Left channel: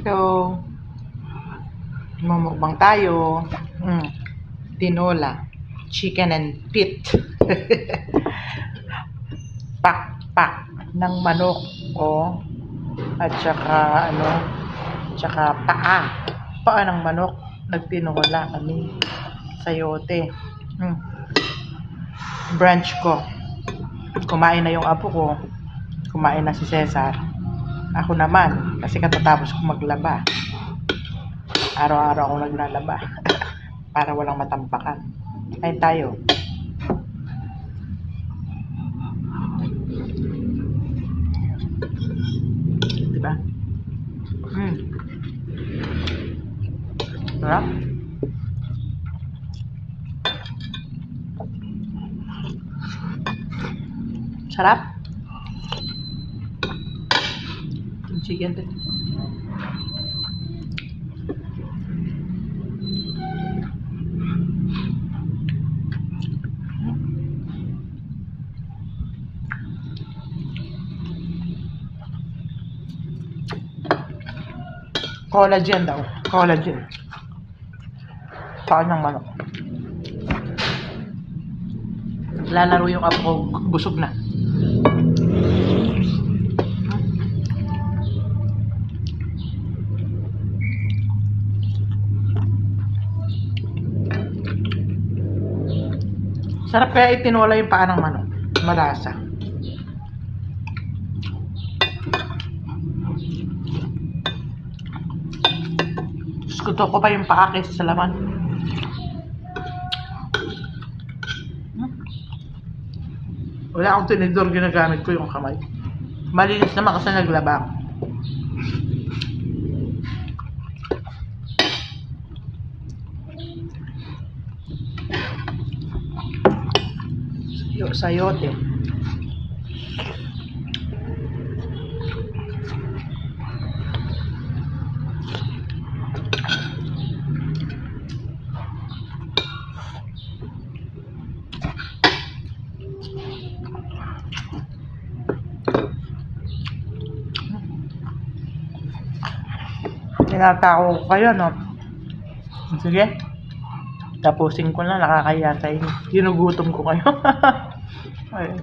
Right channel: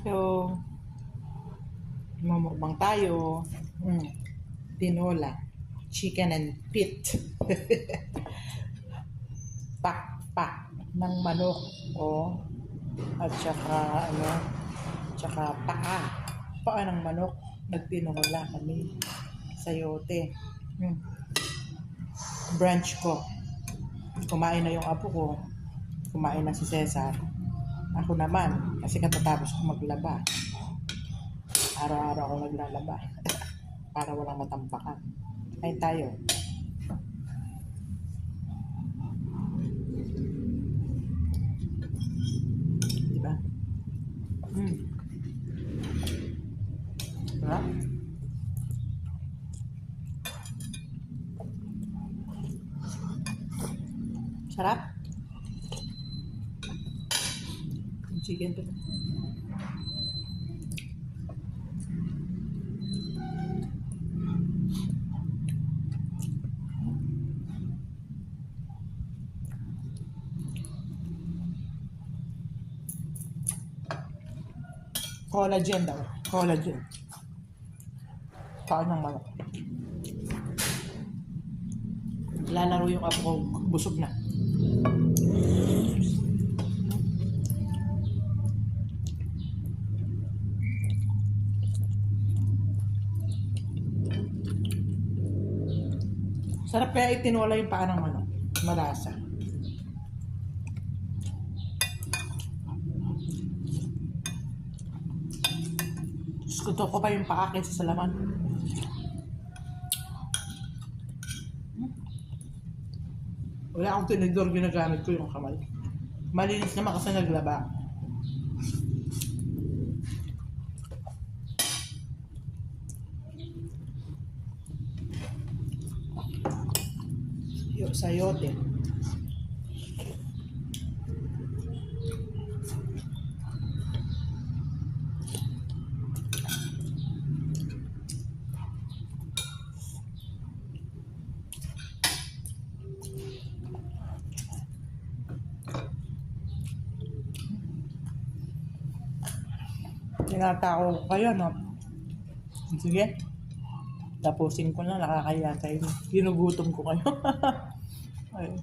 Hello. Mamukbang tayo. Tinola. Chicken and pit. Pak-pak ng manok. At saka paa. Paa ng manok. Nagtinola kami. Sayote. Brunch ko. Kumain na yung apo ko. Kumain na si Cesar. Ako naman, kasi katatapos ko maglaba. Araw-araw ako naglalaba. Para walang matampakan. Kain tayo. Diba? Sarap. Sarap. Yung chicken din. Collagen daw. Collagen. Paan ng manok. Lalaro yung apo ko. Busog na. Sarap kaya itinola yung paa ng manok. Malasa. Gusto ko pa yung paa kaysa sa laman. Wala akong tinidor, ginagamit ko yung kamay. Malinis naman kasi naglaba. Sayote. Tinatao ko kayo, no? Sige. Tapusin ko na, nakakaya sa inyo. Ginugutom ko kayo. Ayun.